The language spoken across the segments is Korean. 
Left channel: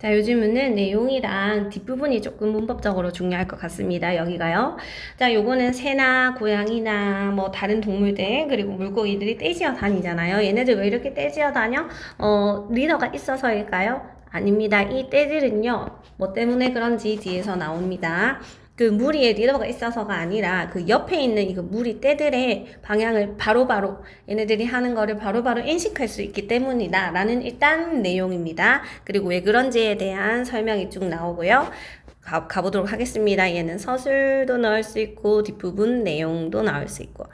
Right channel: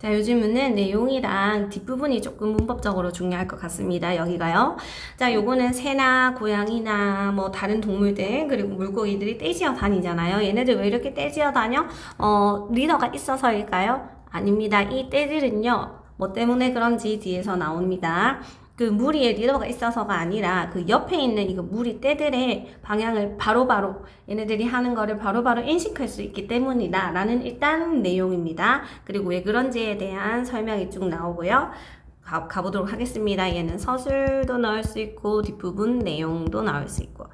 자, 요즘은 내용이랑 뒷부분이 조금 문법적으로 중요할 것 같습니다. 여기가요. 자, 요거는 새나 고양이나 뭐 다른 동물들 그리고 물고기들이 떼지어 다니잖아요. 얘네들 왜 이렇게 떼지어 다녀? 어, 리더가 있어서일까요? 아닙니다. 이 떼들은요. 뭐 때문에 그런지 뒤에서 나옵니다. 그 무리에 리더가 있어서가 아니라 그 옆에 있는 이거 무리 떼들의 방향을 바로바로 얘네들이 하는 거를 바로 바로 인식할 수 있기 때문이다 라는 일단 내용입니다. 그리고 왜 그런지에 대한 설명이 쭉 나오고요. 가, 가보도록 하겠습니다. 얘는 서술도 넣을 수 있고 뒷부분 내용도 나올 수 있고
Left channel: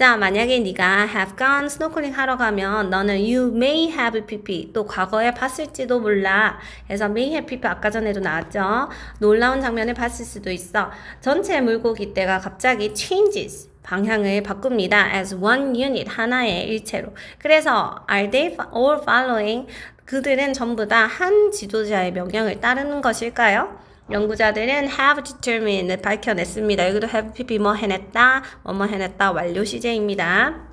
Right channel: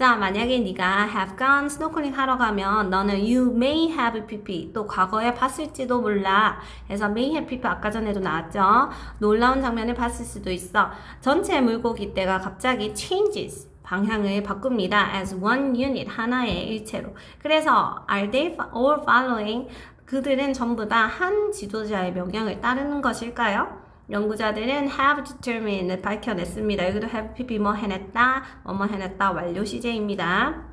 자, 만약에 네가 have gone snorkeling 하러 가면 너는 you may have pp 또 과거에 봤을지도 몰라 해서 may have pp 아까 전에도 나왔죠. 놀라운 장면을 봤을 수도 있어. 전체 물고기 떼가 갑자기 changes 방향을 바꿉니다. as one unit 하나의 일체로. 그래서 are they all following 그들은 전부 다 한 지도자의 명령을 따르는 것일까요? 연구자들은 have determined 밝혀냈습니다. 여기도 have pp 뭐 해냈다, 뭐뭐 해냈다 완료 시제입니다.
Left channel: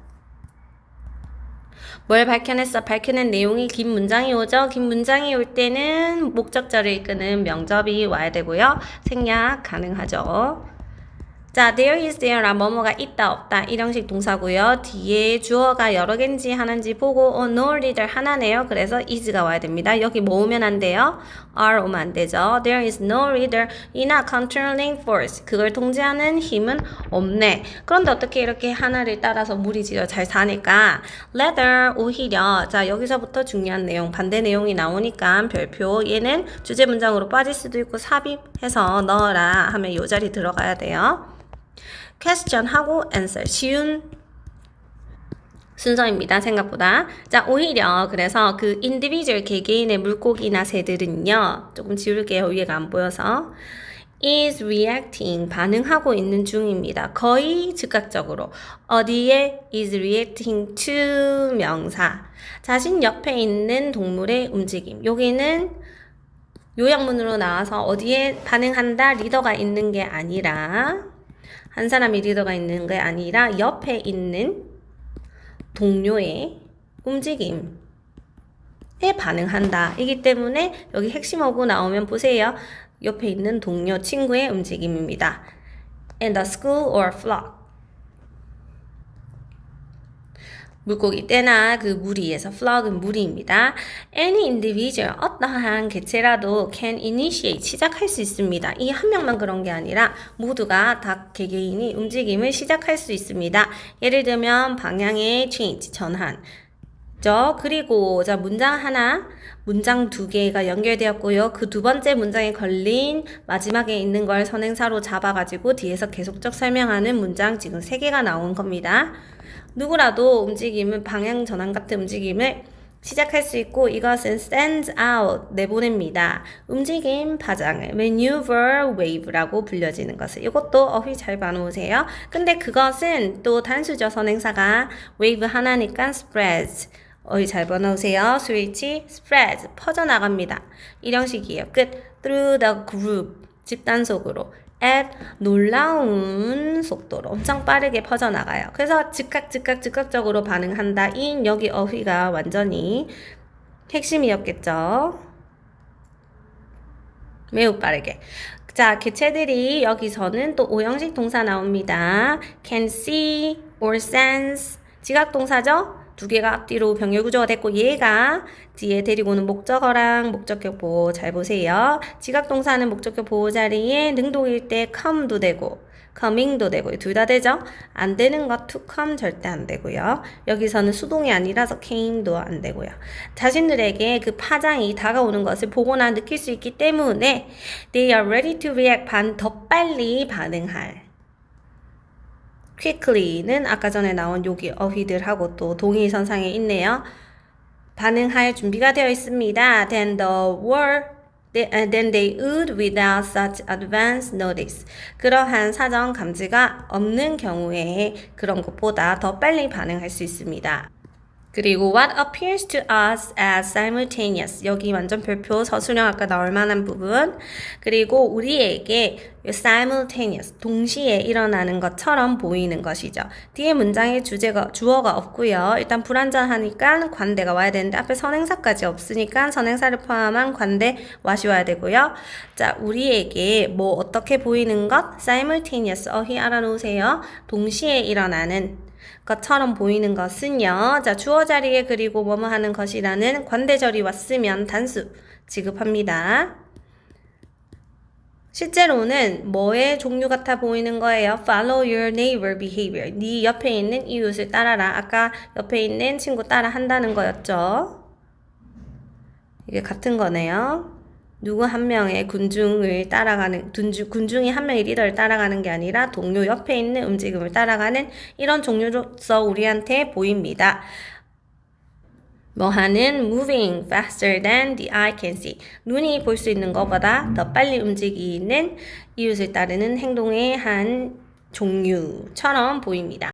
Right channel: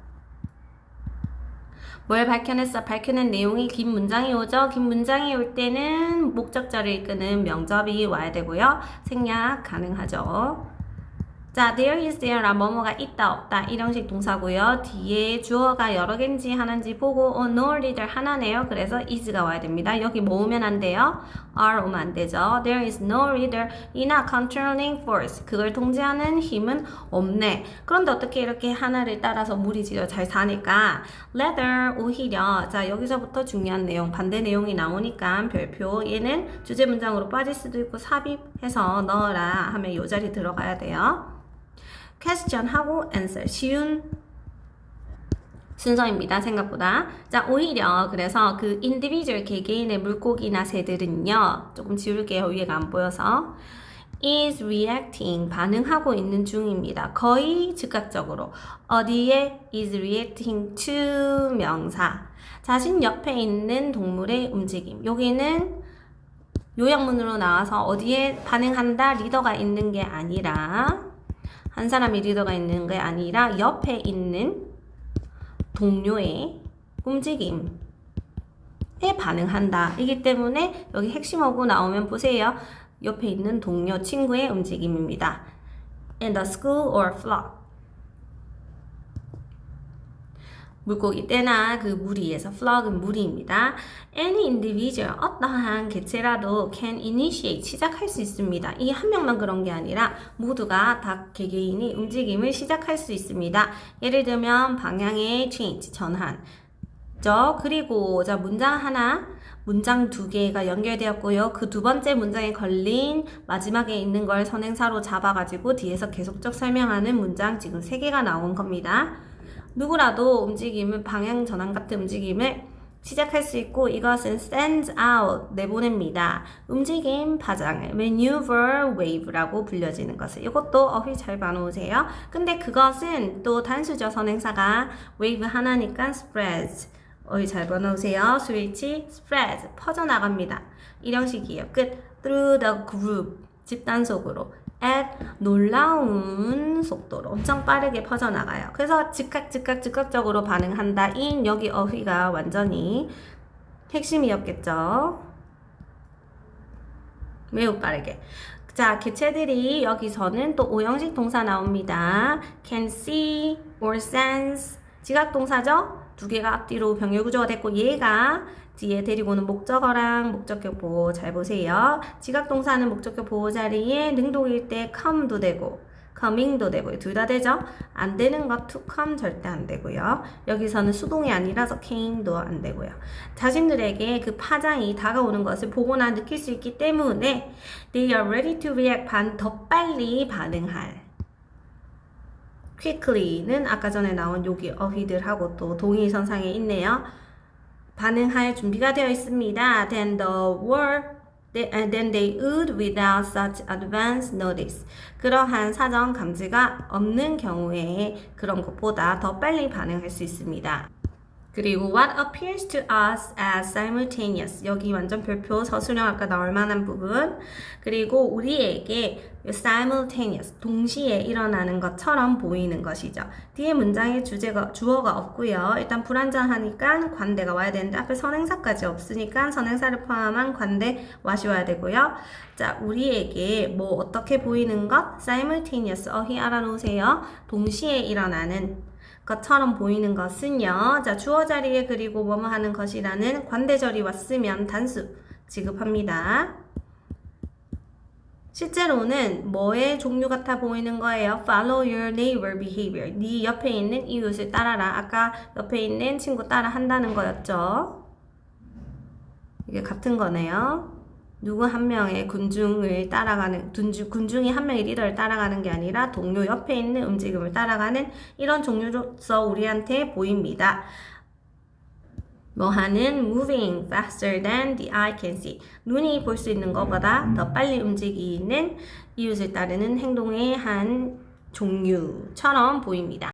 뭘 밝혀냈어? 밝혀낸 내용이 긴 문장이 오죠? 긴 문장이 올 때는 목적절을 이끄는 명접이 와야 되고요. 생략 가능하죠. 자, there is there라 뭐뭐가 있다 없다 이 형식 동사고요. 뒤에 주어가 여러 개인지 하나인지 보고 어, no reader 하나네요. 그래서 is가 와야 됩니다. 여기 뭐 오면 안 돼요? are 오면 안 되죠. There is no reader 이나 controlling force 그걸 통제하는 힘은 없네. 그런데 어떻게 이렇게 하나를 따라서 무리지어 잘 사니까 leather 오히려 자 여기서부터 중요한 내용 반대 내용이 나오니까 별표 얘는 주제 문장으로 빠질 수도 있고 삽입해서 넣어라 하면 요 자리 들어가야 돼요. Question 하고 answer 쉬운 순서입니다. 생각보다. 자, 오히려 그래서 그 individual 개개인의 물고기나 새들은요. 조금 지울게요. 위에가 안 보여서. is reacting 반응하고 있는 중입니다. 거의 즉각적으로 어디에 is reacting to 명사 자신 옆에 있는 동물의 움직임 여기는 요약문으로 나와서 어디에 반응한다 리더가 있는 게 아니라 한 사람이 리더가 있는 게 아니라 옆에 있는 동료의 움직임 에 반응한다. 이기 때문에 여기 핵심어구 나오면 보세요. 옆에 있는 동료, 친구의 움직임입니다. In the school or flock. 물고기 떼나 그 무리에서 flock은 무리입니다. Any individual 어떠한 개체라도 can initiate 시작할 수 있습니다. 이 한 명만 그런 게 아니라 모두가 다 개개인이 움직임을 시작할 수 있습니다. 예를 들면 방향의 change 전환. 죠 그리고 자 문장 하나 문장 두 개가 연결되었고요. 그 두 번째 문장에 걸린 마지막에 있는 걸 선행사로 잡아가지고 뒤에서 계속적 설명하는 문장 지금 세 개가 나온 겁니다. 누구라도 움직임을 방향 전환 같은 움직임을 시작할 수 있고 이것은 sends out 내보냅니다. 움직임 파장을 maneuver wave라고 불려지는 것을 이것도 어휘 잘 봐놓으세요. 근데 그것은 또 단수죠 선행사가 wave 하나니까 spreads 어휘 잘 봐놓으세요. 스위치 spreads 퍼져나갑니다. 이 형식이에요. 끝 through the group 집단 속으로 at 놀라운 속도로 엄청 빠르게 퍼져나가요. 그래서 즉각 즉각 즉각적으로 반응한다. 인 여기 어휘가 완전히 핵심이었겠죠. 매우 빠르게. 자, 개체들이 여기서는 또 오형식 동사 나옵니다. can see or sense. 지각 동사죠? 두 개가 앞뒤로 병렬 구조가 됐고 얘가 뒤에 데리고 오는 목적어랑 목적격 보호 잘 보세요. 지각 동사는 목적격 보호 자리에 능동일 때 come도 되고 coming도 되고 둘다 되죠? 안 되는 거 to come 절대 안 되고요. 여기서는 수동이 아니라서 came도 안 되고요. 자신들에게 그 파장이 다가오는 것을 보거나 느낄 수 있기 때문에 they are ready to react 반 더 빨리 반응할 quickly는 아까 전에 나온 여기 어휘들하고 또 동의선상에 있네요. 반응할 준비가 되어 있습니다. Then the word then they would without such advance notice. 그러한 사전 감지가 없는 경우에 그런 것보다 더 빨리 반응할 수 있습니다. 그리고 what appears to us as simultaneous. 여기 완전 별표 서술형 아까 나올 만한 부분. 그리고 우리에게 simultaneous. 동시에 일어나는 것처럼 보이는 것이죠. 뒤에 문장에 주제가, 주어가 없고요. 일단 불완전하니까 관대가 와야 되는데 앞에 선행사까지 없으니까 선행사를 포함한 관대 와시 와야 되고요. 자, 우리에게 뭐 어떻게 보이는 것? simultaneous. 어휘 알아놓으세요. 동시에 일어나는 것처럼 보이는 것은요. 자, 주어 자리에 그리고 뭐뭐 하는 것이라는 관대절이 왔으면 단수 지급합니다. 실제로는 뭐의 종류 같아 보이는 거예요? Follow your neighbor behavior. 네 옆에 있는 이웃을 따라라. 아까 옆에 있는 친구 따라 한다는 거였죠. 이게 같은 거네요. 누구 한 명의 군중을 따라가는 군중, 군중이 한 명의 리더를 따라가는 게 아니라 동료 옆에 있는 움직임을 따라가는 이런 종류로서 우리한테 보입니다. 뭐 하는 moving faster than the eye can see. 눈이 볼 수 있는 것보다 더 빨리 움직이는 이웃을 따르는 행동의 한 종류처럼 보입니다.